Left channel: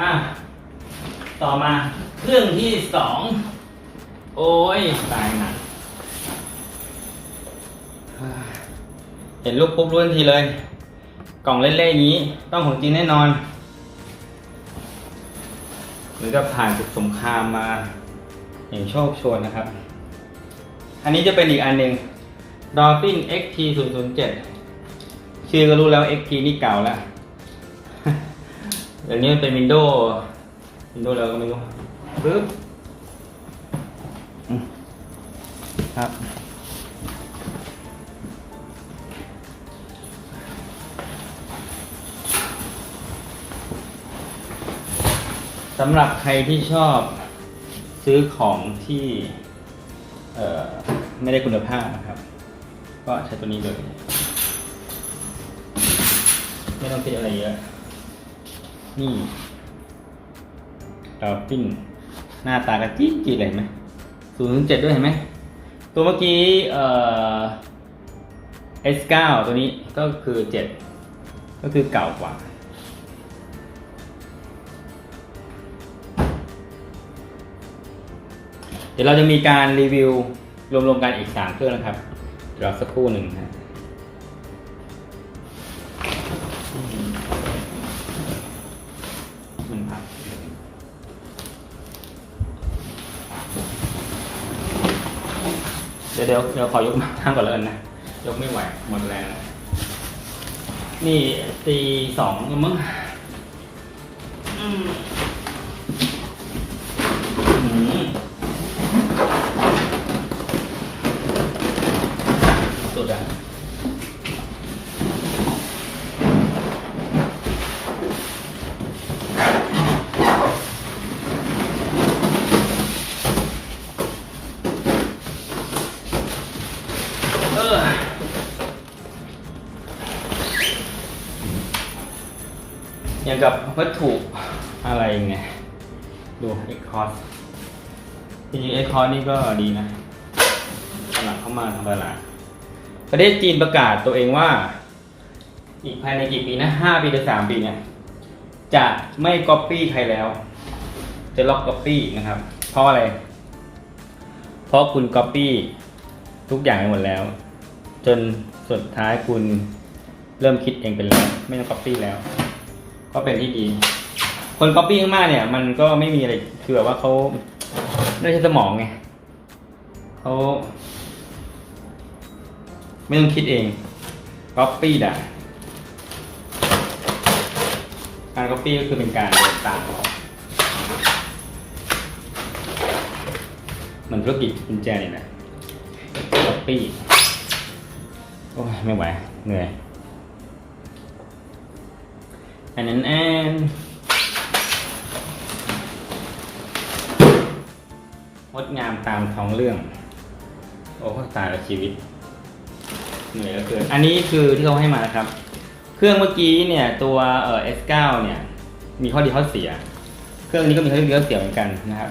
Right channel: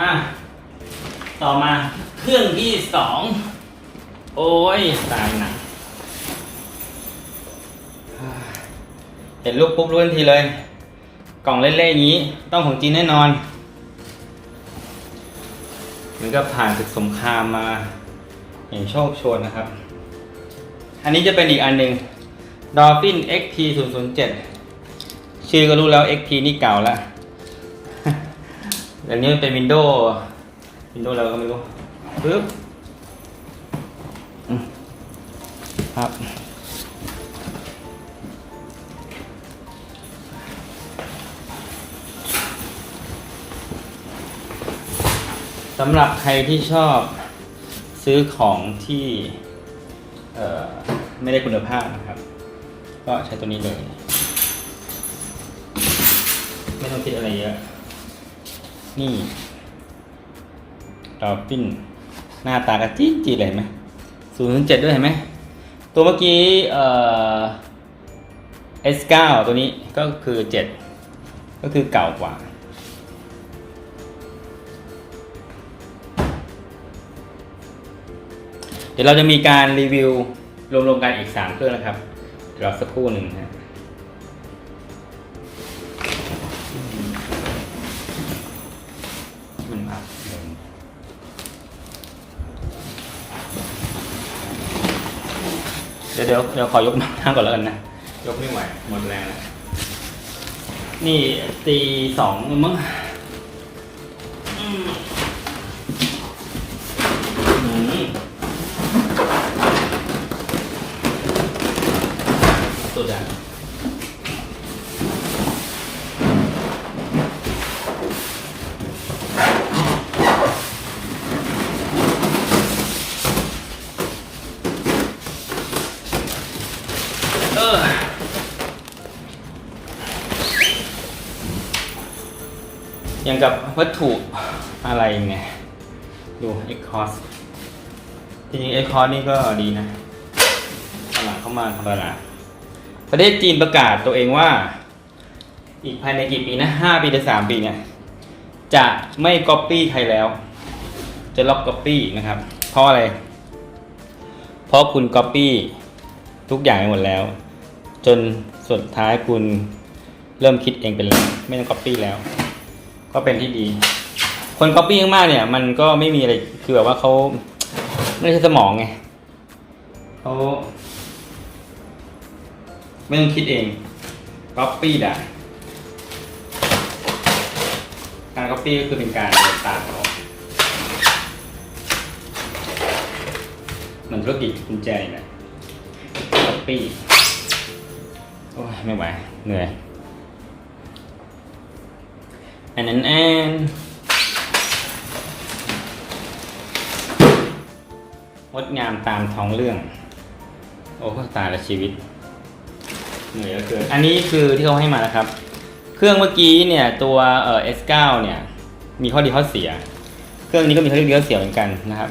อะ ต่อมาเครื่องที่สอง โอ้ยตายหนักเห็นรูปปุ๊บรู้ทันทีเลย กล่องเล่ๆอย่างนี้ ต้องของจีนแน่นอนถึงกับผ่านศึกสงครามมาอย่างโชคโชนนะครับ อันนี้จะเป็นอีกอันหนึ่ง Dolphin XT 0 0 7 ชื่อก็รู้แล้ว XT นี่เก่าแล้ว เดี๋ยวนี้มันเป็น Windows Windows แล้วก็ไม่รู้ปึ๊บอืมครับ สำหรับใครที่ชอบซื้อของที่เอ่อไม่ได้คุณภาพนะครับ ก็ใช้ตัวนี้เลย ไม่ต้องคิดอะไรเยอะ นี่ดอลฟินหน้าตากระจีจีเลยเห็นไหมศูนย์เจ็ดด้วยเห็นไหม ตัวเมื่อกี้เอ่อ S9 ตัวนี้ก็คือเจ็ดก็คือเก่ากว่าเดี๋ยวเราจะมีการรีวิวรวมๆกันอีก 3 เครื่องนะครับเดี๋ยวรอสักครู่หนึ่งนะ เดี๋ยวเดี๋ยวเดี๋ยวขอยกมาทั้งก่อนแล้วกันนะ ยกไม่ไหวหมดแล้ว นี่ตีสองนี่มั้งอืมอืมสุดอะ วัตถุอะไรไงดูเอ็กคอสจริงๆเอ็กคอสนี่ก็ดีนะตลาดเข้ามาธรรมดประเทศจีนประกาศตัวเองว่า อีกภายในกี่ปีนะห้าปีหรือสามปีเนี่ย จะไม่ก๊อปปี้ใครแล้ว จะล็อกก๊อปปี้นะครับ เพราะอะไร เพราะคุณก๊อปปี้ทุกอย่างไปหมดแล้ว จนสุดท้ายคุณเริ่มคิดเองเป็นแล้ว ไม่ต้องก๊อปปี้แล้ว ก็เป็นที่ดี คนก๊อปปี้มากๆเนี่ย มันก็ไม่มีอะไรคือแบบว่าเขาไม่ใช่สมองไงเขาไม่ต้องคิดเอง copy ได้การ copy ก็คือเป็นการเดินตามเขามันธุรกิจกุญแจนี่แหละ copy โอ้ยไม่ไหวเหนื่อย อันนั้นแอนงดงามตามท้องเรื่อง โอ้ตายละชีวิตเหนื่อยเหลือเกินอันนี้คือที่เขาให้มานะครับ เครื่องเมื่อกี้เนี่ยตัวเอ่อ S9 เนี่ยมีข้อดีข้อเสีย เครื่องนี้ก็มีข้อดีข้อเสียเหมือนกันนะครับ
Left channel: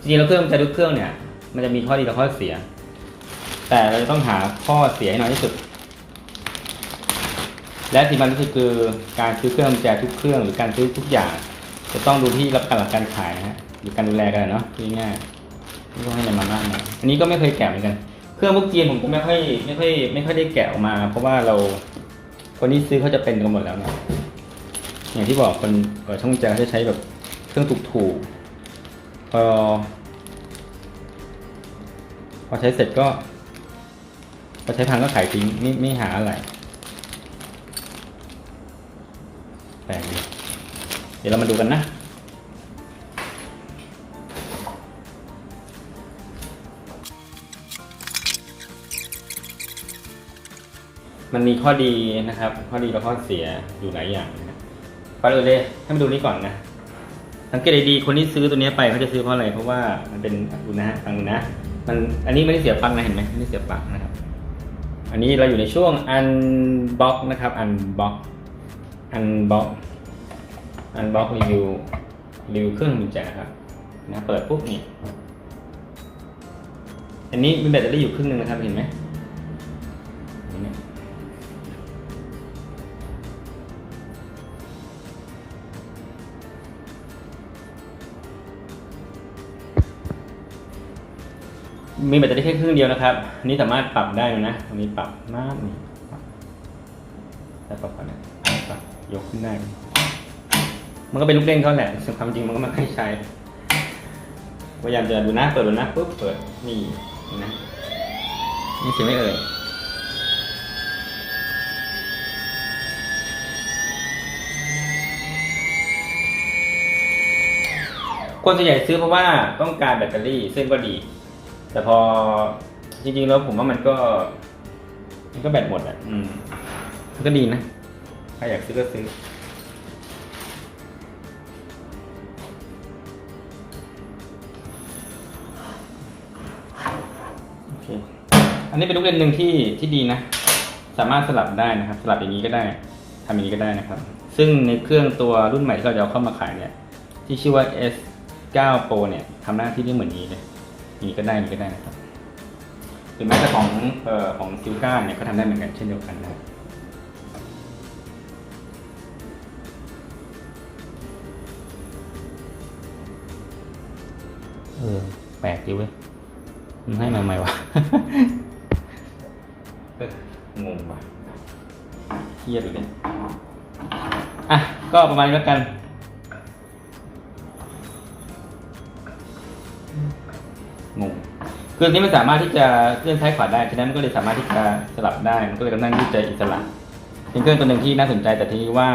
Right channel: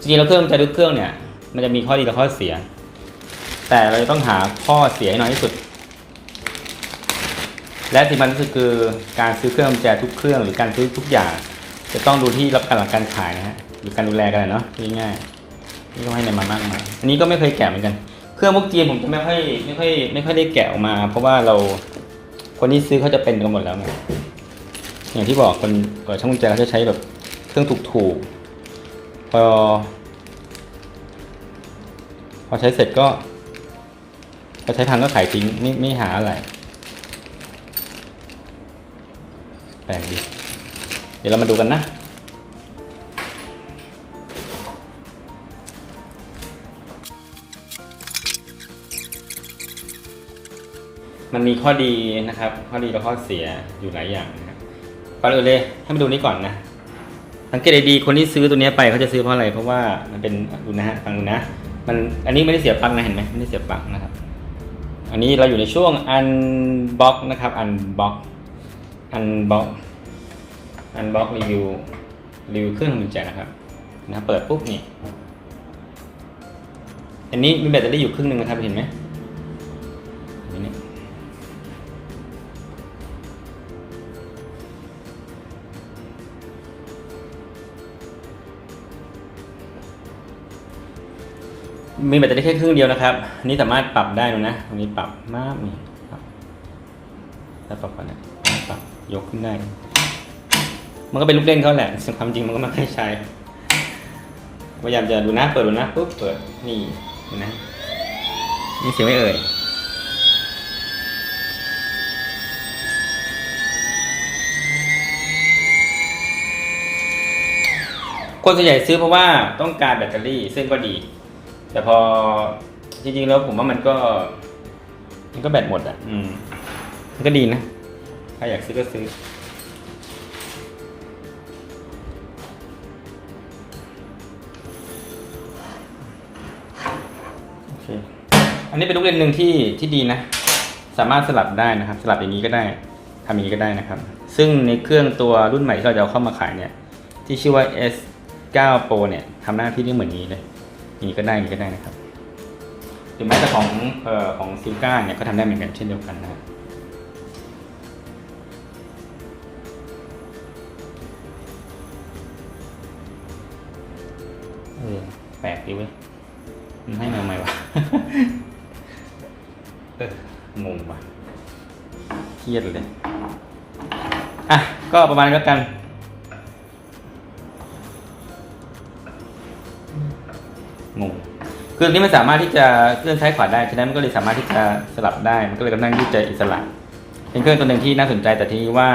จริงๆแล้วเครื่องแต่ทุกเครื่องเนี่ยมันจะมีข้อดีและข้อเสีย แต่เราจะต้องหาข้อเสียให้น้อยที่สุด และสิ่งสำคัญที่คือการซื้อเครื่องกุญแจทุกเครื่องหรือการซื้อทุกอย่าง จะต้องดูที่รับการหลังการขายนะฮะหรือการดูแลกันเนาะง่ายๆนี่ก็ให้นำมานั่งมาอันนี้ก็ไม่เคยแกะเหมือนกัน เครื่องพวกจีนผมจะไม่ค่อยไม่ค่อยไม่ค่อยได้แกะออกมา เพราะว่าเราคนที่ซื้อเขาจะเป็นกันหมดแล้วไงอย่างที่บอกคนก่อช่างกุญแจเขาจะใช้แบบเครื่องถูกๆพอพอใช้เสร็จก็พอใช้พังก็ขายทิ้งไม่ไม่หาอะไร แปลกดีเดี๋ยวเรามาดูกันนะ มันมีข้อดีนะครับ ข้อดีและข้อเสียอยู่หลายอย่างนะครับก่อนอื่นเลยให้มาดูนี้ก่อนนะสังเกตดีๆคนที่ซื้อตัวนี้ไปเขาจะซื้อเพราะอะไรเพราะว่ามันเป็นดูนะฮะฟังดูนะมันอันนี้ไม่ได้เสียบปลั๊กนะเห็นไหมไม่ได้เสียบปลั๊กนะครับ อันนี้เราอยู่ในช่วงอันบ็อกนะครับอันบ็อก อันบล็อกอันบล็อกรีวิวรีวิวเครื่องกุญแจนะครับนะเปิดปุ๊บนี่อันนี้มีแบตเตอรี่อยู่ครึ่งหนึ่งนะครับเห็นไหมมีแบตเตอรี่แค่ครึ่งเดียวนะครับนี่สามารถปรับได้นะตรงนี้ปรับมากนี่ปรับปรับกันนะ ยกขึ้นได้ มันก็เป็นลูกเล่นเขาแหละความจริงมันก็ไม่ใช้พยายามจะดูหน้าเปิดดูหน้าปุ๊บเปิดนี่นะนี่เสียงไม่เอ่ยคนส่วนใหญ่ซื้อเพราะว่าต้องการแบตเตอรี่ซึ่งก็ดี แต่พอจริงๆแล้วผมว่ามันก็ มันก็แบตหมดอะ อืมมันก็ดีนะ ถ้าอยากซื้อก็ซื้อ โอเค อันนี้เป็นลูกเล่นหนึ่งที่ที่ดีนะ สามารถสลับได้นะครับ สลับอย่างนี้ก็ได้ทำอย่างนี้ก็ได้นะครับ ซึ่งในเครื่องตัวรุ่นใหม่ที่เราจะเอาเข้ามาขายเนี่ย ที่ชื่อว่า S9 Pro เนี่ยทำหน้าที่ได้เหมือนนี้เลย นี้ก็ได้นี้ก็ได้นะครับหรือแม้แต่ของเอ่อของซิลก้าเนี่ยก็ทำได้เหมือนกันเช่นเดียวกันนะครับ ดีเว้ยมันให้มาทำไมวะเอองงว่ะเครียดเลยอะ ก็ประมาณนี้แล้วกันงงคืออันนี้มันสามารถที่จะเคลื่อนซ้ายขวาได้ฉะนั้นมันก็เลยสามารถที่จะสลับได้ มันก็เลยเป็นนั่งที่จะอิสระเป็นเครื่องตัวหนึ่งที่น่าสนใจแต่ทีนี้ว่า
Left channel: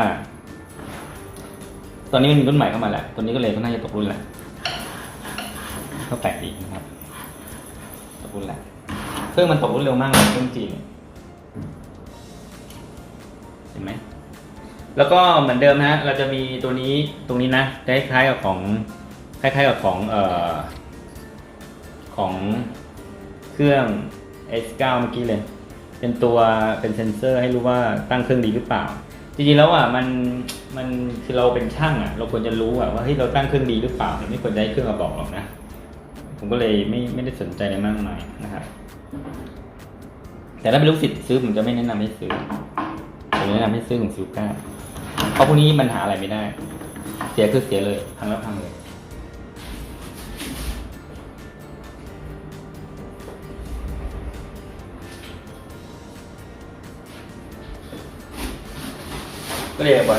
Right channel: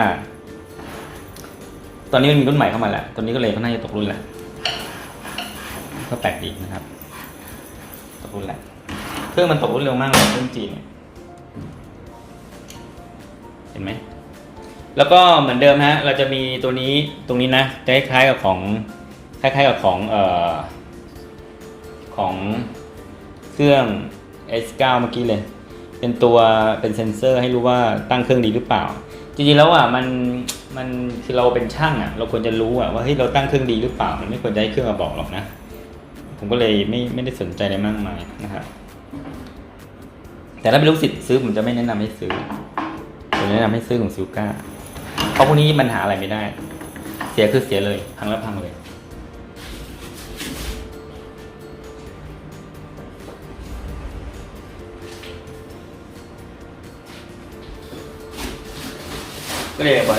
ตอนนี้มันมีรุ่นใหม่เข้ามาแหละตัวนี้ก็เลยก็น่าจะตกรุ่นแหละ ก็แปลกดีกนะครับตกรุ่นแหละเครื่องมันตกรุ่นเร็วมากเลยเครื่องจีนเนี่ยเห็นไหมแล้วก็เหมือนเดิมฮะ เราจะมีตัวนี้ตรงนี้นะจะคล้ายๆกับของคล้ายๆกับของเอ่อของเครื่อง S9 เมื่อกี้เลย เป็นตัวเป็นเซ็นเซอร์ให้รู้ว่าตั้งเครื่องดีหรือเปล่า จริงๆแล้วอะมันมันคือเราเป็นช่างอะเราควรจะรู้อะว่าเฮ้ยเราตั้งเครื่องดีหรือเปล่าเนี่ยไม่ควรจะให้เครื่องมาบอกหรอกนะ ผมก็เลยไม่ไม่ได้สนใจอะไรมากมายนะครับ แต่ถ้าเป็นลูกศิษย์ซื้อผมจะไม่แนะนำให้ซื้อผมแนะนำให้ซื้อของซิลก้าเพราะพวกนี้มันหาอะไรไม่ได้ เสียคือเสียเลยพังแล้วพังเลยก็เลยบอกว่า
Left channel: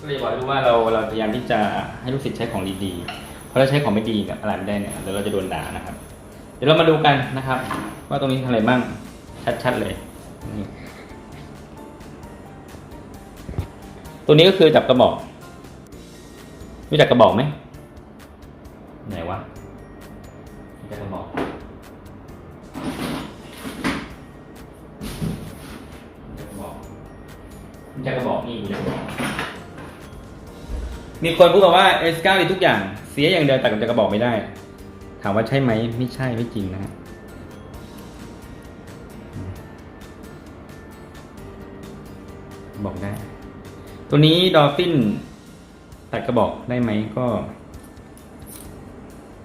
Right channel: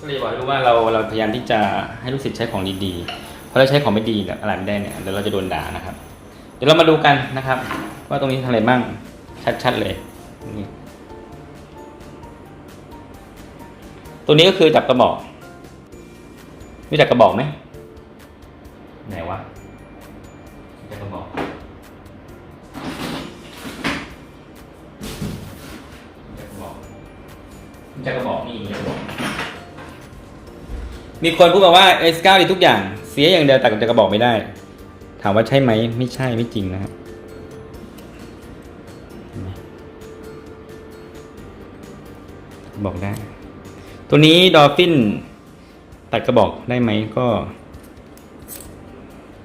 ก็เลยบอกให้รู้ว่าเราเราพยายามที่จะให้ลูกศิษย์ใช้ของดีๆ ราะเราใช้ของไม่ดีแบบอะไรไม่ได้เนี่ยเดี๋ยวเราจะโดนด่านะครับ เดี๋ยวเรามาดูกันนะครับ ว่าตรงนี้ทำอะไรบ้างชัดๆเลยตัวนี้ก็คือจับกระบอกรู้จักกระบอกไหมไหนวะจักกระบอกจะกระบอกจะกระบอกนี่จะกระบอกมีคนพูดมาว่า S9 ดีทุกอย่าง เสียอย่างเดียวแต่จะกระบอกไม่ได้ ถามว่าใช่ไหมไม่ใช่ไม่จริงนะครับบอกได้ ตัวนี้ดอฟฟินตัดกระบอกได้ไหมก็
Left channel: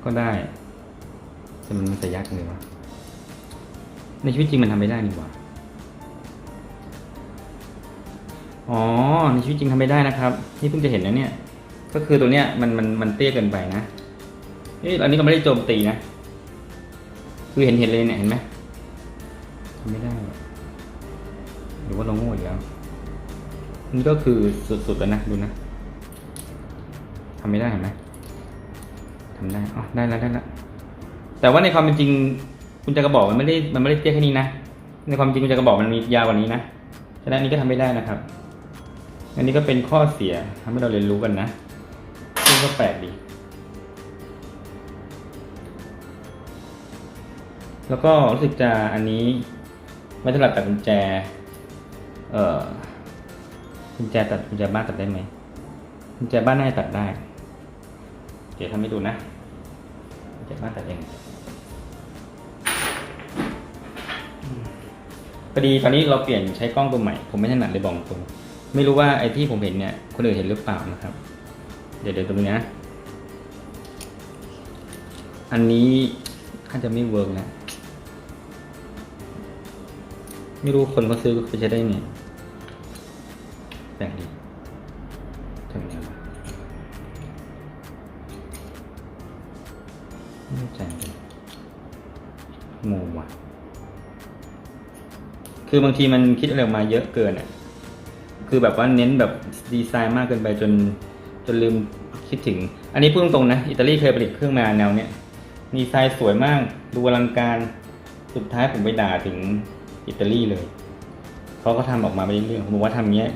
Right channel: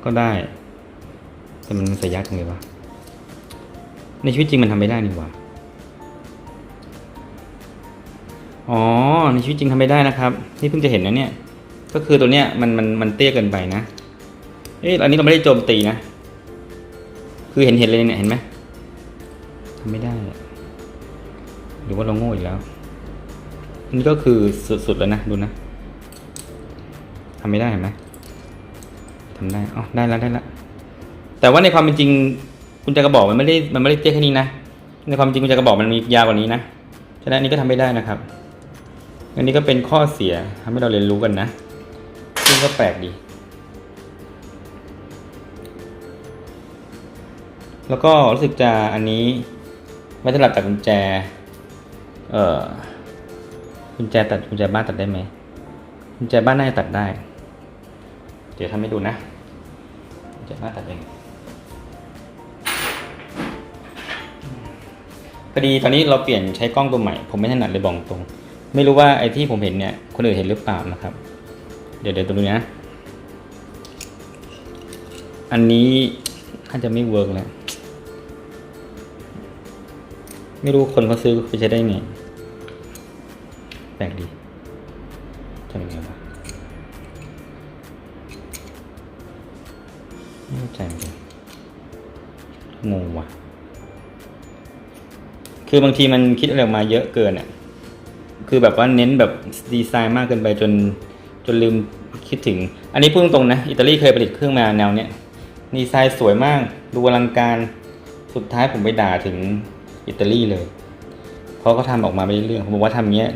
ก็ได้แต่มันใส่ยากจังเลยวะในชีวิตจริงมันทำไม่ได้นี่หว่า อ๋อ ในชีวิตจริงทำไม่ได้นะครับ นี่เพิ่งจะเห็นนะเนี่ย ก็คือตัวเนี้ยมันมันมันเตี้ยเกินไปนะเอ๊ะอันนี้เราไม่ได้โจมตีนะ คือเห็นเห็นเลยเนี่ยเห็นไหมไม่ได้หรือว่าเราโง่อยู่แล้วอันนี้ก็คือสุดๆแล้วนะดูนะทำไม่ได้เห็นไหมทำได้อ๋อได้แล้วได้แล้วแต่ว่าในความเป็นจริงคุณจะกระบอกมันไม่ได้มันไม่ได้เตี้ยแค่นี้นะในความจริงคุณจะกระบอกมันมียาวกว่านี้นะฉะนั้นนี้ก็ทำไม่ได้นะครับ อันนี้ก็เป็นข้อเสียทำให้เราเรียนรู้กันนะ ซึ่งก็แปลกดี แล้วก็รู้สึกจะอันนี้ไม่สำหรับตัดกุญแจ เอ่อกุญแจตัดกุญแจบ้านตัดได้ไหมกุญแจบ้านน่าจะตัดได้ เดี๋ยวทำให้ดูนะกุญแจบ้านตัดเองพอดีตอนนี้เราเปลี่ยนใช้กล้องตัวใหม่ ผมไม่ถนัดเลยบอกตรง ไม่รู้ว่าไอ้ที่ผมเห็นเนี่ย คนอื่นเห็นหรือเปล่านะครับ เดี๋ยวเดี๋ยวดูนะ อันนี้น่าจะไม่เวิร์กแล้ว ไม่รู้คนเขาซื้อเขาจะได้ไงแปลกดีทำยังไงวะไม่เข้าใจเหมือนกันงงว่ะ คือบางทีมันคิดอะไรออกมาเยอะเกินอะ คือแบบว่าเน้นแบบดีไซน์มากเกินไปจน นลืมคิดถึง อันนี้พูดตรงๆนะอิตาลีเคยผลิตเครื่องมาแนวเนี้ยดีไซน์สวยมากดูอลังการสุดท้ายผมไปด่าถึงอิตาลีเลยเขาก็ทำออกมาไม่ได้เรื่องผมบอกว่าทำเงี้ย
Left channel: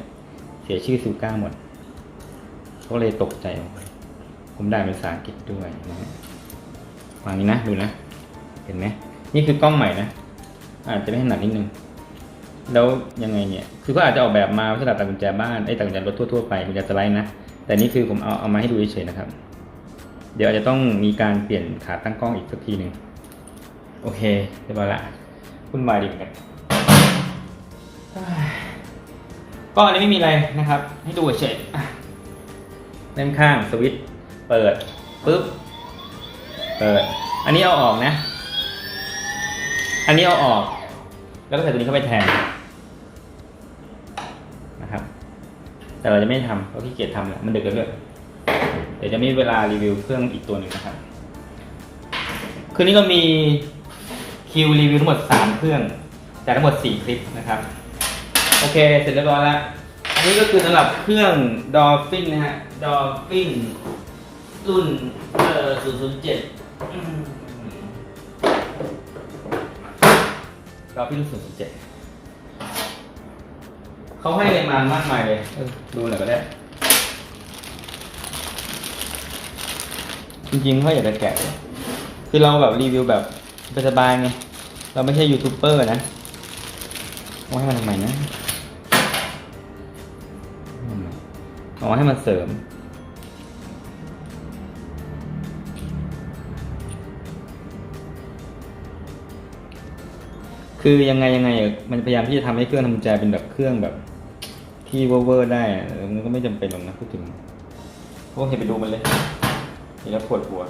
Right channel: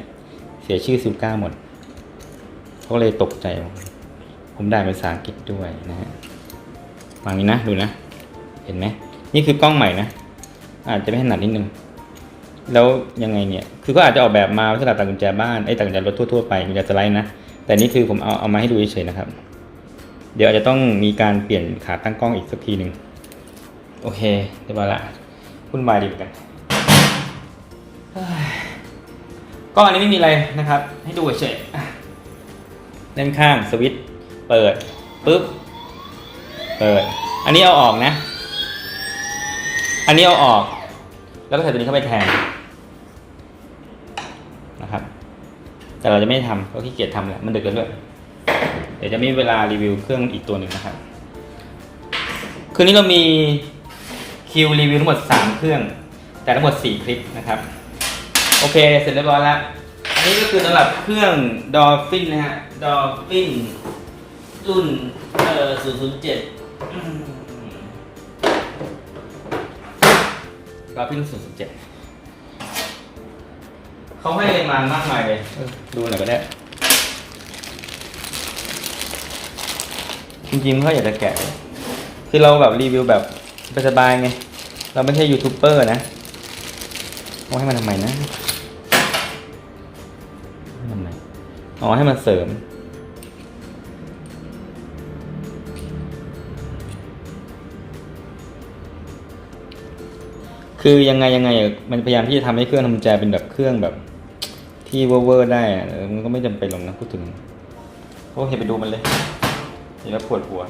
เสียชื่อซิลก้าหมดเขาเลยตกใจ ผมได้ภาษาอังกฤษด้วยนะฮะฟังนี้นะดูนะ เห็นไหมนี่คือกล้องใหม่นะ อาจจะไม่ถนัดนิดนึง แล้วยังไงเนี่ย คือก็อาจจะออกแบบมาสำหรับตัดกุญแจบ้านไอ้ตัดกุญแจรถทั่วๆไปมีแต่สไลด์นะ แต่นี่คือผมเอาเอามาให้ดูเฉยๆนะครับ เดี๋ยวอาจจะต้องมีการเปลี่ยนขาตั้งกล้องอีกสักทีหนึ่งโอเคเรียบร้อยละคุณวายดีเหมือนกันเฮ้ยก็อันนี้ไม่มีอะไรนะครับ ให้ดูเฉยๆอะด้านข้างสวิตช์เปิดปุ๊บเปิด อันนี้เอาออกนะ อันนี้เอาออก แล้วก็ใส่ตัวนี้เข้าไปแทน แต่เราจะไม่ทำเพราะขี้เกียจทำแหล้วมันดึกแล้วด้วยเดี๋ยวจะมีเวลารีวิวเครื่องอีกตัวหนึ่งนะครับ คืนนี้เรามีคิวรีวิวทั้งหมด 3 เครื่อง แต่ทั้งหมด 4 คลิปนะครับ โอเค เสร็จเรียบร้อยแล้ว อันนี้ก็คือสำหรับเครื่อง Dolphin นะฮะ Dolphin รุ่นเอ่อ007อืม Dolphin 007 เขาให้อะไรมามากมายเลยเออดูหน่อยก็ได้ จริงๆก็อยากจะแกะเลยคือเราแบบรีวิวแบบสบายๆไง เราไม่ใช่ยูทูบเบอร์นะเอาให้มันทำไมนะทำไมอ๋อให้มันเสริม คือยังไงยังไงอะมันพยายามที่จะทำให้เครื่องทำกุญแจเป็นแบบเครื่องแบบ ที่เวอร์ๆได้เออมันก็ไม่จำเป็นหรอกนะพูดถึงโอเคไปดูมันเลยแล้วปวดหัว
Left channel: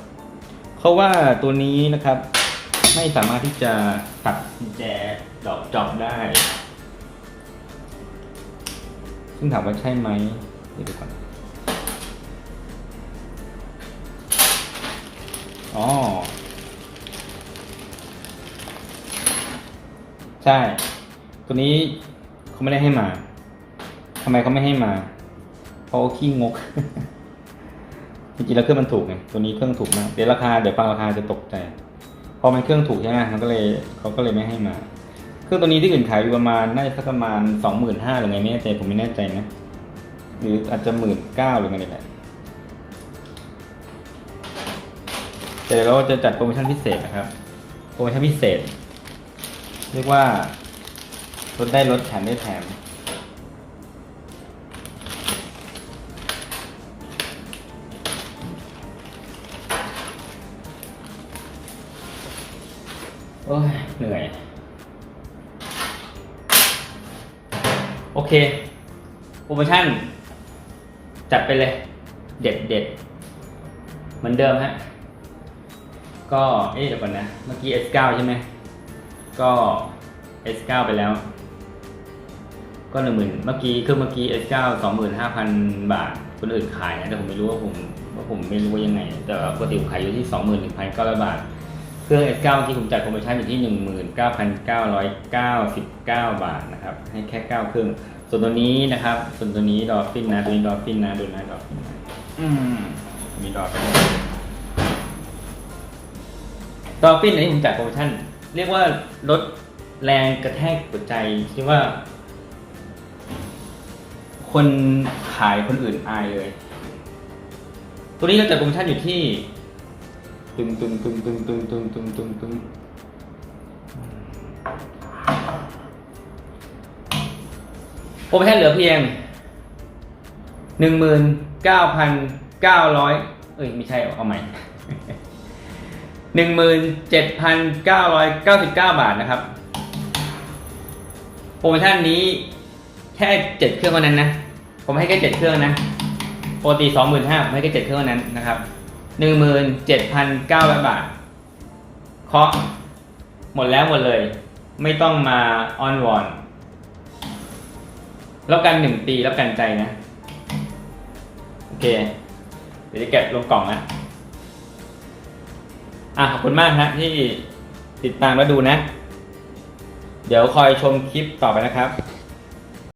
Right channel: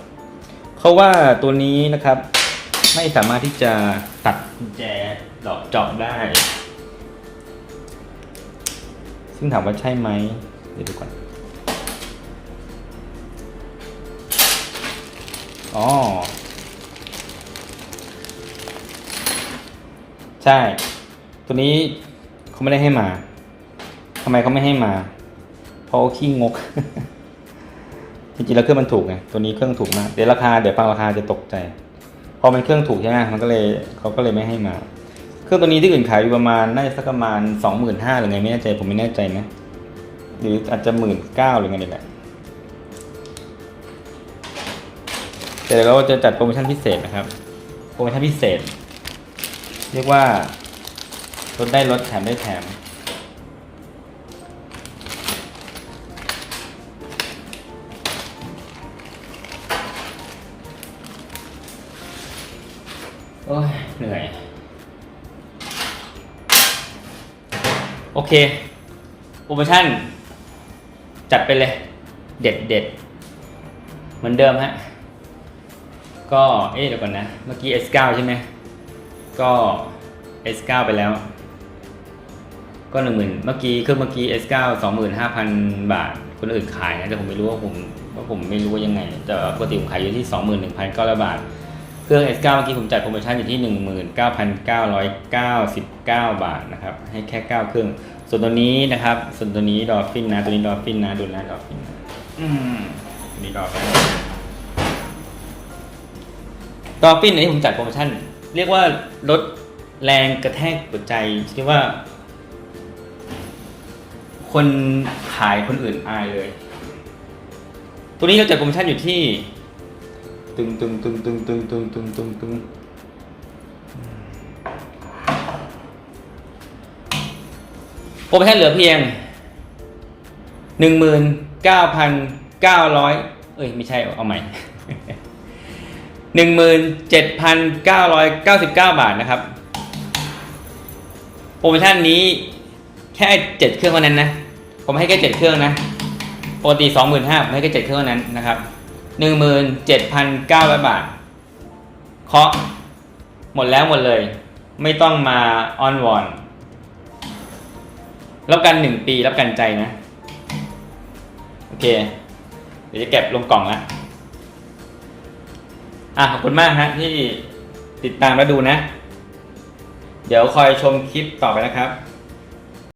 เพราะว่าตัวนี้นะครับ ไม่สามารถที่จะตัดกุญแจดอกจอบได้ ซึ่งถามว่าใช่ไหมเดี๋ยวดูก่อนอ๋อใช่ ตัวนี้เขาไม่ได้ให้มา ทำไมเขาไม่ให้มา เพราะว่าขี้งก จริงๆแล้วเครื่องมันถูกไง ตัวนี้เครื่องถูกมาก เดี๋ยวราคาเดี๋ยวฟังราคาจะตกใจ พอมันเครื่องถูกใช่ไหมมันก็เลยเขาก็เลยไม่ให้มา เครื่องตัวนี้ที่อื่นขายอยู่ประมาณน่าจะสักประมาณสองหมื่นห้าหรือไงไม่แน่ใจผมไม่แน่ใจนะ หรืออาจจะหมื่นเก้าหรือไงนี่แหละแต่เดี๋ยวเราจะจัดโปรโมชั่นพิเศษนะครับ โปรโมชั่นพิเศษ เรียกว่าลดได้ลดแถมได้แถม โอ้ยเหนื่อย โอเค โปรโมชั่น จัดไปเลย เด็ดเด็ดเหมือนเดิมฮะ ก็ เอ๊ะเดี๋ยวก่อนนะ เมื่อกี้ S9 ใช่ไหม ก็ S9 ไปแล้ว ก็หนึ่งหมื่นเมื่อกี้เครื่องเมื่อกี้ S9 สองหมื่นห้าพันบาท คนอื่นขายนะแต่ผมไม่รู้ว่าผมว่าผมไม่รู้ว่ายังไง แต่ปกติผมขายอยู่ที่สองหมื่นหนึ่งพันเก้าร้อยบาท เครื่อง S9 เมื่อกี้ผมจ่ายโปรโมชั่นอยู่ที่ 19,999 บาทนะครับ ให้แค่ 9 เครื่อง ส่วนตัวนี้นะครับ ส่วนตัวนี้ดอฟฟินนะ ตัวนี้ดอฟฟินนะ ดูนะดอฟฟินนะอืมอันนี้ดอฟฟินดอฟฟินอันนี้ผมจ่ายโปรโมชั่น เรียกว่าลดแรงกระแทกหัวใจที่ว่า คนขายคนอื่นอายเลย ตัวนี้เราจัดโปรโมชั่นอยู่ที่ ตึงตึงตึงตึงตึงตึงตึงตึงตึงโปรโมชั่นเหลือเพียงหนึ่งหมื่นเก้าพันเก้าร้อยเอ้ยไม่ใช่เอาใหม่หนึ่งหมื่นเจ็ดพันเก้าร้อยเก้าสิบเก้าบาทนะครับ โปรโมชั่นนี้แค่เจ็ดเครื่องเท่านั้นนะ ผมให้แค่เจ็ดเครื่องนะปกติสองหมื่นห้าผมให้แค่เจ็ดเครื่องนั้นนะครับ หนึ่งหมื่นเจ็ดพันเก้าร้อยบาท เคาะหมดแล้วหมดเลย ไม่ต้องมาออนวอนรับกันหนึ่งปีรับกันใจนะ โอเค เดี๋ยวจะเก็บลงกล่องนะอะขอบคุณมากฮะที่ติดตามแล้วดูนะ เดี๋ยวคอยชมคลิปต่อไปนะครับ